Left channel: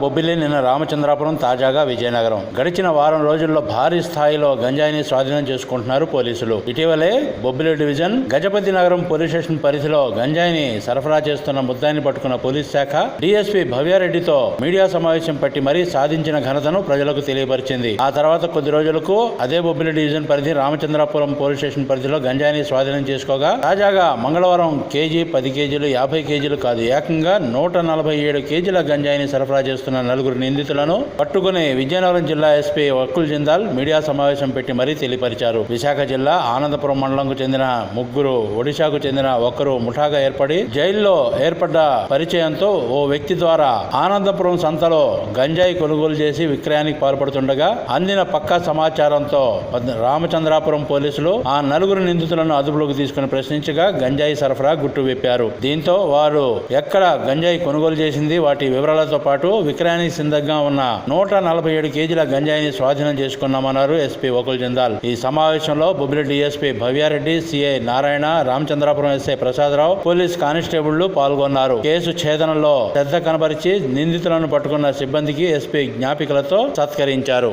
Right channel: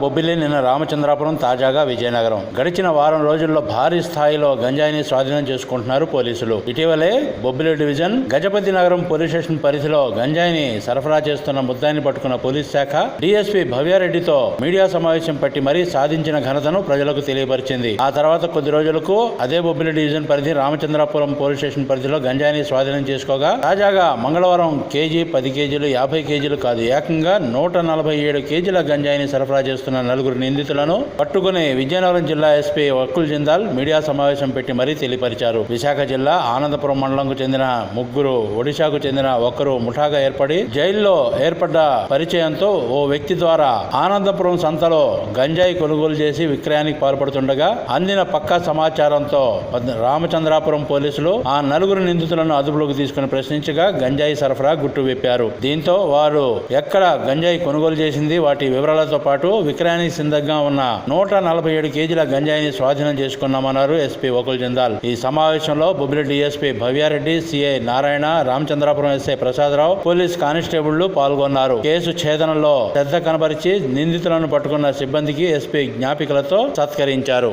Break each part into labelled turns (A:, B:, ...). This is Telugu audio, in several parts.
A: బొబ్బిలి నిన్న రామచంద్రాపురం తాజాగా విజయనగరం. గడిచిన వారం రోజుల్లో భారీ స్థాయిలో గంజాయిని స్వాధీనం చేసుకుంటున్నారు పోలీసులు. ఇటీవలే బొబ్బిలి డివిజన్ గజపతి నగరం పోలీస్ స్టేషన్ పరిధిలో గంజాయిని సరఫరా చేస్తున్న ముద్దాయిని పట్టుకున్న పోలీస్ శాఖ డీఎస్పీ భవ్యారెడ్డితో మీడియా సమావేశం పట్టి మరీ సాధించిన ఘనతను ప్రజలకు తెలియపరిచింది. ఆ తర్వాత కొద్ది రోజులకు అదే బొబ్బిలి డివిజన్ పరిధి రామచంద్రాపురం పోలీస్ స్టేషన్ పరిధిలో గంజాయిని స్వాధీనం చేసుకోగా తాజాగా మంగళవారం కేజీ పది కేజీలు యాభై కేజీలు కాదు ఏకంగా నూట నలభై ఏడు కేజీల గంజాయిని సరఫరా చేస్తున్న నలుగురు నిందితులను పట్టుకుని విజయనగరం జిల్లా ఎస్పీ వక్కుల్ జిందాల్ మీడియా సమావేశం పెట్టి మరీ తెలియపరిచారు. విశాఖ జిల్లా ఆనందపురం మండలంకు చెందిన ముగ్గురు ఒడిశాకు చెందిన ఒకరు ముఠాగా ఏర్పడి జైల్లో ఏర్పడ్డ పరిచయంతో ఓ వ్యక్తి ద్వారా ఆనందపురం సంతలో గంజాయి కొనుగోలు చేసి విక్రయానికి పాల్పడుతుండగా అందిన పక్కా సమాచారంతో రామచంద్రాపురం పోలీసులు ఆ నలుగురు నిందితులను అదుపులోకి తీసుకుని ప్రశ్నించగా గంజాయి సరఫరా గుట్టు విప్పారు. దీంతో వారు ఎక్కడ గంజాయి కొనుగోలు చేసింది వాటి వివరాలతో పాటు విక్రయానికి సిద్ధంగా ఉన్న నూట నలభై ఏడు కేజీల గంజాయిని స్వాధీనం చేసుకున్నామన్నారు ఎస్పీ ఒకల్ జిందాల్. ఈ సమావేశంలో Bobbili SP Bhavyareddy CI Narayana Ramachandrapuram SI Prasadarao police కానిస్టేబుళ్ళు పాల్గొన్నారు. కేసు ఛేదనలో శ్రద్ధ కనబరిచి నిందితులను పట్టుకున్న సిబ్బందికి ఎస్పీ జ్ఞాపికలతో సత్కరించారు.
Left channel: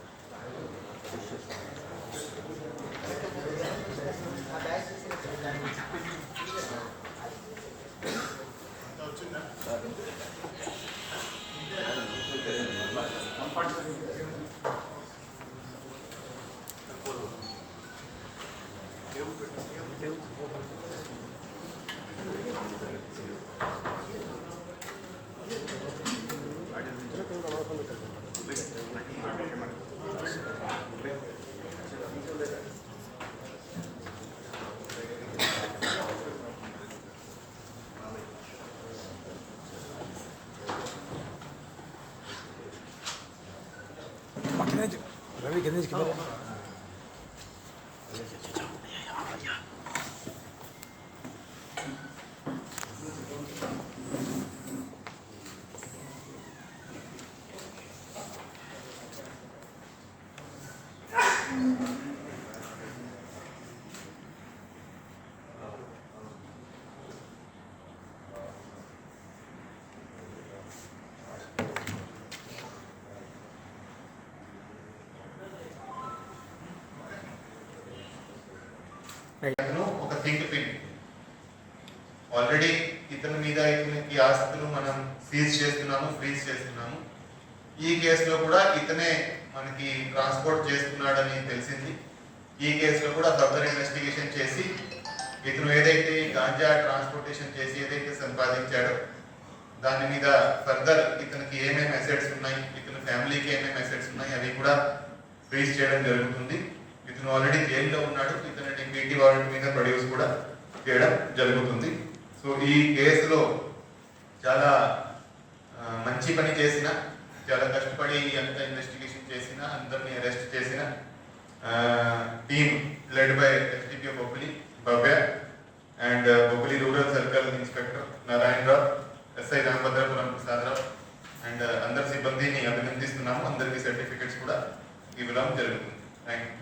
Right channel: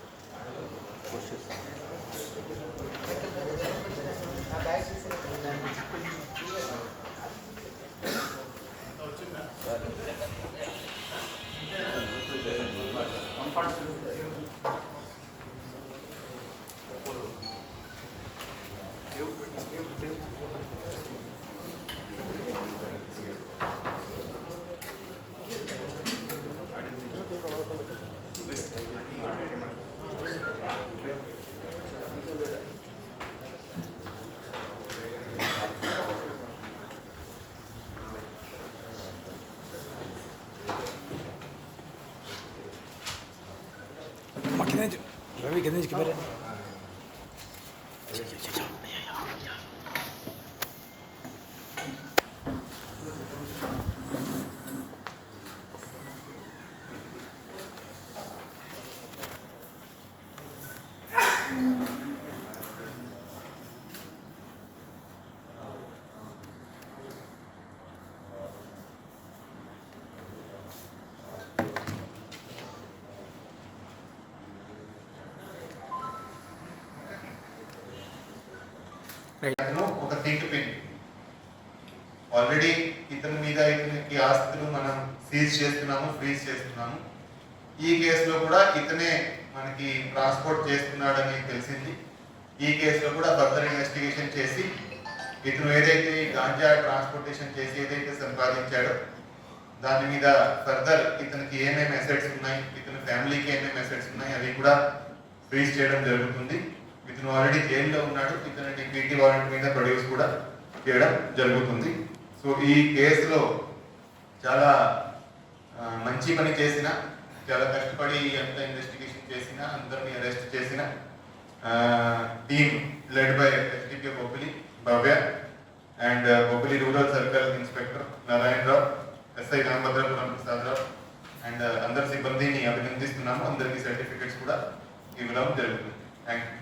B: Makineci, Ravi niet
C: gibi. ఒక థింక్ పిన్. ఆల్రెడీ ఇతని మీద ఇతనికి ఆస్తులు మనం సీజ్ చేస్తున్నాము ఫ్రీజ్ చేస్తున్నాము. ఈ కేసులో కూడా ఇతనే మనకి ట్రాన్స్పోర్ట్ చేస్తున్నాడని తెలిసింది. ఈ కేసులో కూడా ఫర్దర్ ఇన్వెస్టిగేషన్ చేసి ఇతను ఏదైతే గాంజా ట్రాన్స్పోర్టేషన్ చేసి ఏదైతే సంపాదించాడో దాని మీద ఫర్దర్ ఇతనికి ఏమేమి అసెట్స్ ఉన్నాయి ఇతని ఫ్యామిలీకి ఏమేమి అసెట్స్ ఉన్నాయి అవి కూడా ఫ్రీజ్ చేయడం జరుగుతుంది. ఇతను ఆల్రెడీ జైల్లో ఉన్నాడు. ఇతను పీటీ వారెంట్ మీద ప్రొడ్యూస్ కూడా చేయడం జరుగుతుంది. సో ఈ కేసులో చాలా మంచి పని చేసిన చాలా కష్టపడి ఎంత ఇన్వెస్టిగేషన్ చేసిన అందరిని అరెస్ట్ చేసిన team led by SDP Bobbili Bhavya and Bobbili rural circle inspector Narayana Rao SI Ramabhadrapuram Prasad Rao and అందరి సిబ్బందిని అభినందిస్తున్నాము. అందరికీ సర్టిఫికెట్స్ కూడా ఇవ్వడం జరుగుతుంది. థ్యాంక్ యూ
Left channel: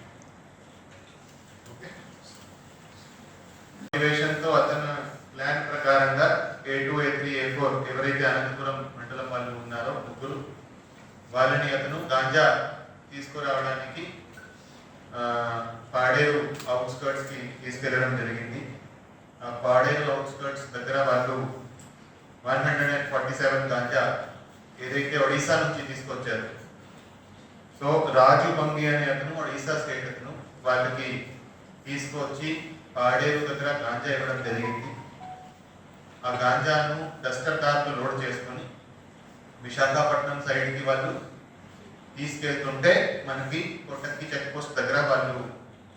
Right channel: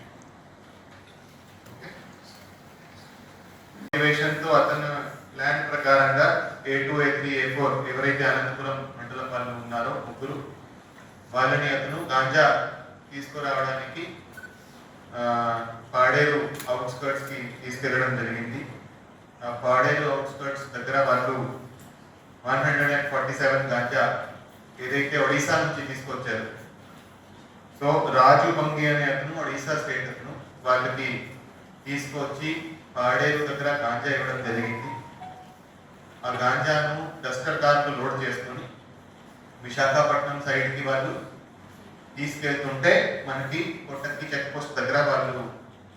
C: ఏ ఫోర్ ఎవరైతే అనంతపురం మండలం వాళ్ళు ఉన్నారో ముగ్గురు వాళ్ళని అతను గాంజా తీసుకురావడానికి పాడేరు అవుట్స్కర్ట్స్కి తీసుకెళ్ళడం జరిగింది. ఆ పాడేరు అవుట్స్కర్ట్స్ దగ్గర వాళ్ళు one hundred and forty seven ganja ఏదైతే ఒడిశా నుంచి తీసుకొచ్చారు. సో రాజు బంగి అనే అతను ఒడిశా స్టేట్ అతను వాళ్ళకి తీసుకొచ్చి పాడేరు దగ్గర గాంజా ఇవ్వడం జరిగింది. ఆ గాంజాను డస్టర్ కార్లు లోడ్ చేసుకుని విశాఖపట్నం సైడ్కి వాళ్ళు తీసుకెళ్తుంటే మనకి కొట్టకి చెక్ పోస్ట్ దగ్గర వాళ్ళు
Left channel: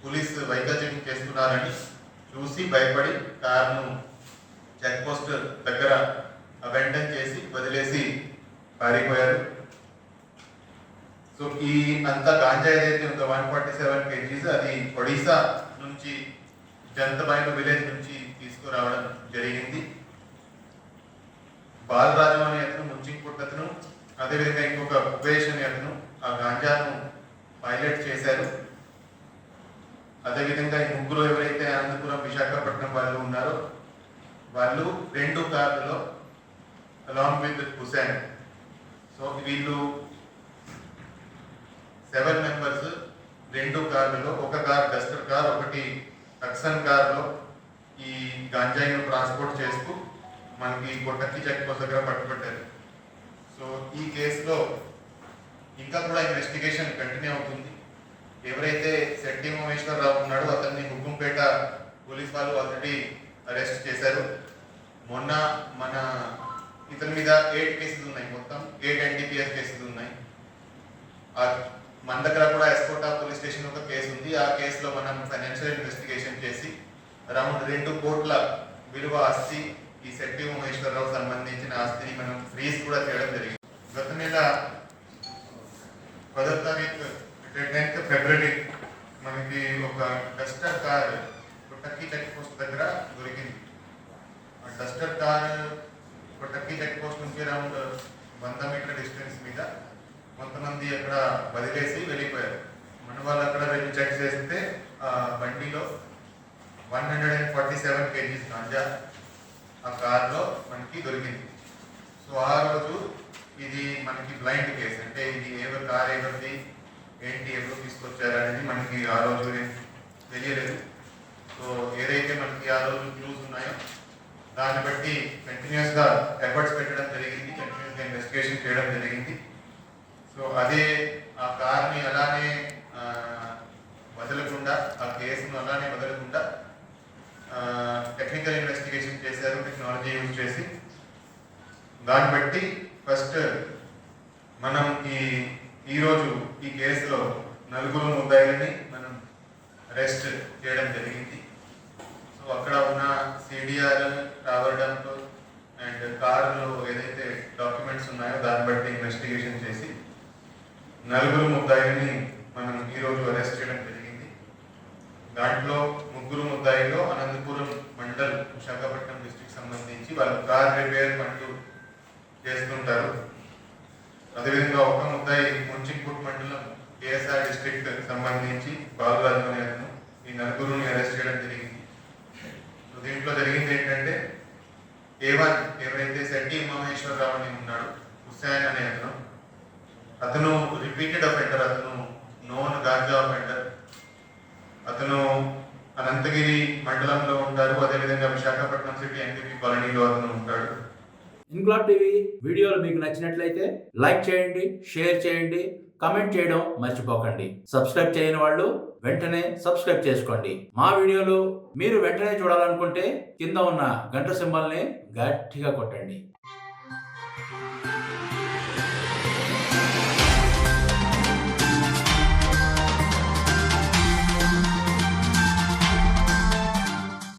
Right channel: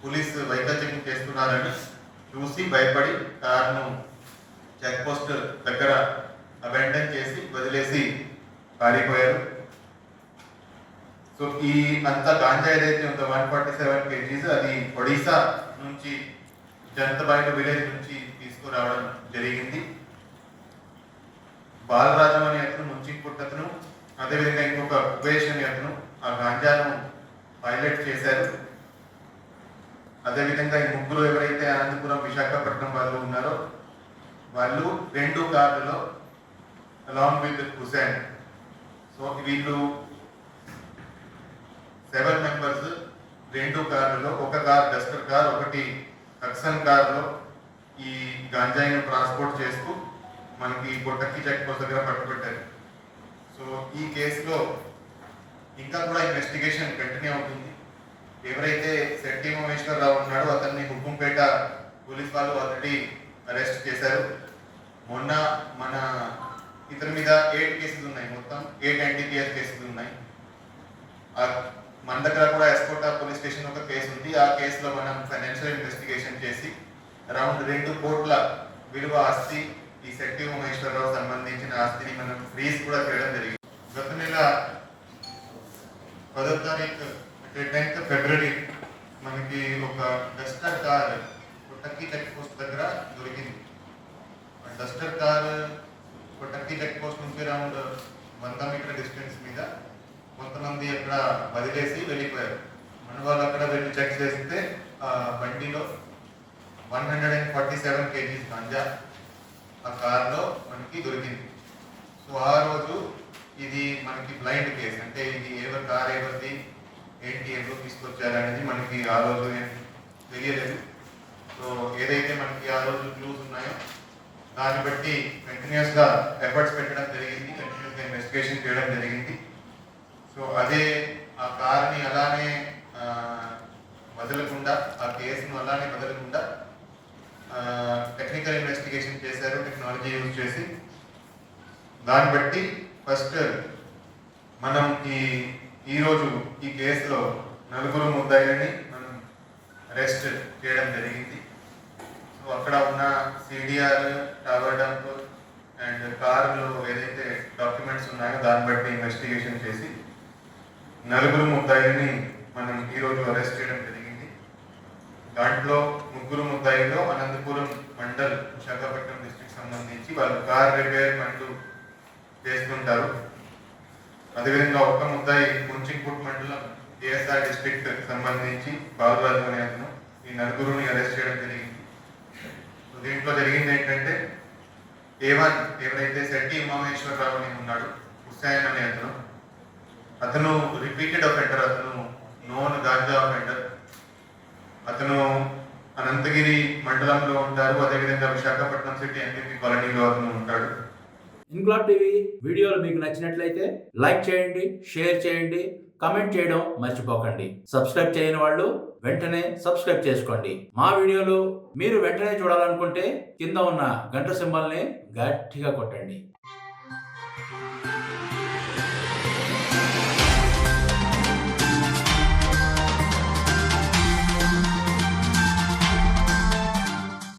C: పోలీస్ వెహికల్ చెకింగ్ చేస్తున్నారని చూసి భయపడి కార్ను చెక్ పోస్ట్ దగ్గర అబెండన్ చేసి వదిలేసి పారిపోయారు. సో ఈ అంత గాంజా ఏదైతే ఉందో వన్ ఫార్టీ సెవెన్ కేజీస్ అది ఒడిశా నుంచి జంతబాయిట విలేజ్ నుంచి తీసుకురావడం జరిగింది. బాలరాజు అనే అతను ముంచింకుట్ అతను అదేవిధంగా ఇంకొక ఉపేష్ అనే అతను ఆ గాంజాను పైలట్ చేశారు. అదేవిధంగా ఈ ముగ్గురు ఎవరైతే అనంతపురం విశాఖపట్నం వాళ్ళు ఉన్నారో వాళ్ళు రెండు కార్లలో అలాంగ్ విత్ హుసేన్ సో వీళ్ళు సెవెన్ మెంబర్స్ రెండు కార్లలో ఒక కార్ డస్టర్ కార్ ఒకటి టక్సన్ కార్లో ఈ గాంజాయిను ట్రాన్స్పోర్ట్ చేస్తూ మనకి కొట్టకి చెక్ పోస్ట్ దగ్గర పట్టుబట్టారు. సో ఈ కేసులో ఇంకా కూడా ఇన్వెస్టిగేషన్ కంటిన్యూ అవుతుంది. ఎవరైతే శెట్టి మహేశ్వరరావు ఉన్నాడో అతన్ని హుకుంపేట పోలీస్ వాళ్ళు ఆల్రెడీ అరెస్ట్ చేశారు. మొన్న మన ఇతని మీద ఎయిట్ కేసెస్ ఉన్నాయి మొత్తం. ఎయిట్ ఎన్డీపీఎస్ కేసెస్ ఉన్నాయి. ఆ మన దగ్గర కూడా ఎస్కోటా పోలీస్ స్టేషన్ ఒక కేసు ఉంది. ఆ కేసులో మనం ఫైనాన్షియల్ ఇన్వెస్టిగేషన్ చేసి అరౌండ్ రెండు కోట్ల విలువ ఆస్తి ఈ శక్తి మహేశ్వరరావు సంబంధించిన ఆస్తిని మనం ఫ్రీజ్ కూడా చేయడం జరిగింది. గత నెల పదో తారీఖు టెన్త్ ఫిబ్రవరి మనకి ఒక Duster car Kottakki check post దగ్గర దొరికింది. Duster car Kottakki check post నుంచి అరౌండ్ వంద మీటర్ డిస్టెన్స్ మీద కొంతమంది అక్కడ వదిలేసి వెళ్ళిపోయారు. మన వాళ్ళు అక్కడ వెళ్ళి చెక్ చేస్తే బండిలో one hundred and forty seven kgs ganja ఆ కార్లో మనకి దొరికింది. సో ఆ రోజు ఇది మనకి బ్లైండ్ కేసు అంటే ఇది ఎవరు కార్ ఎవరిది ఏంటి ఎవరు తీసుకొచ్చారు అనేది మనకి ఆ రోజు తెలియలేదు. సో ఏదైతే మనకి ఆ రోజు క్లూస్ ఉన్నాయో దాన్ని బట్టి కంటిన్యూస్గా ఎఫర్ట్స్ పెట్టడం జరిగింది కంటిన్యూస్గా ఇన్వెస్టిగేషన్ చేయడం జరిగింది. సో అదే ఆ కార్ని అలానే వదలకుండా ఆ కేసును అలానే వదలకుండా టెక్నికల్ ఇన్వెస్టిగేషన్ చేశారు టెక్నాలజీ యూజ్ చేసి. దాన్ని బట్టి ఫస్ట్ మనం ఈ ఈరోజు ఈ కేసులో నలుగురు ముద్దాయిలని మనం అరెస్ట్ చేయడం జరిగింది. సో అక్కడ ఉన్న సిడిఆర్ రావడంతో అండ్ కారులో ఏదైతే డాక్యుమెంట్స్ ఉన్నాయో దాన్ని బట్టి ఇన్వెస్టిగేషన్ చేసి నలుగురు ముద్దాయిని మనం ఈరోజు అరెస్ట్ చేయడం జరిగింది. దాంట్లో ముగ్గురు ముద్దాయిలో అనంతపురం మండల్ విశాఖపట్నం డిస్ట్రిక్ట్ సంబంధించి వాళ్ళు కార్ రిపేర్ పనులు చేస్తుంటారు. అదేవిధంగా ఒక ముద్దాయి ముంచింకుట్ మండలం కేఎస్ఆర్ డిస్ట్రిక్ట్ సంబంధించి బాలరాజు అనే అతను ఈ నలుగురుని అరెస్ట్ చేయడం జరిగింది. దీంట్లో జరిగింది ఏంటంటే ఏవన్ ఎవరైతే శెట్టి మహేశ్వరరావు అని ఉన్నాడు హుస్సేన్ అనే అతను అతను రిపీటెడ్ అఫెండర్ అతను నోన్ గాంజా అఫెండర్ అనంతగిరి మండలంలో ఉంటారు. అదేవిధంగా విశాఖపట్నం సిటీ ఎంపీ కాలనీలో అతను ఉంటాడు.
D: ఇంక్లాబ్ టీవీ వీడియోలు మీకు నచ్చినట్లయితే లైక్ చేయండి షేర్ చేయండి కమెంట్ చేయడం మర్చిపోకండి. సబ్స్క్రైబ్ చేయని వాళ్ళు వెంటనే సబ్స్క్రైబ్ చేసుకోండి. మా వీడియోలు మీరు వెంటనే చూడాలనుకుంటే కింద ఉన్న గంట సింబల్ని గట్టిగా కొట్టండి.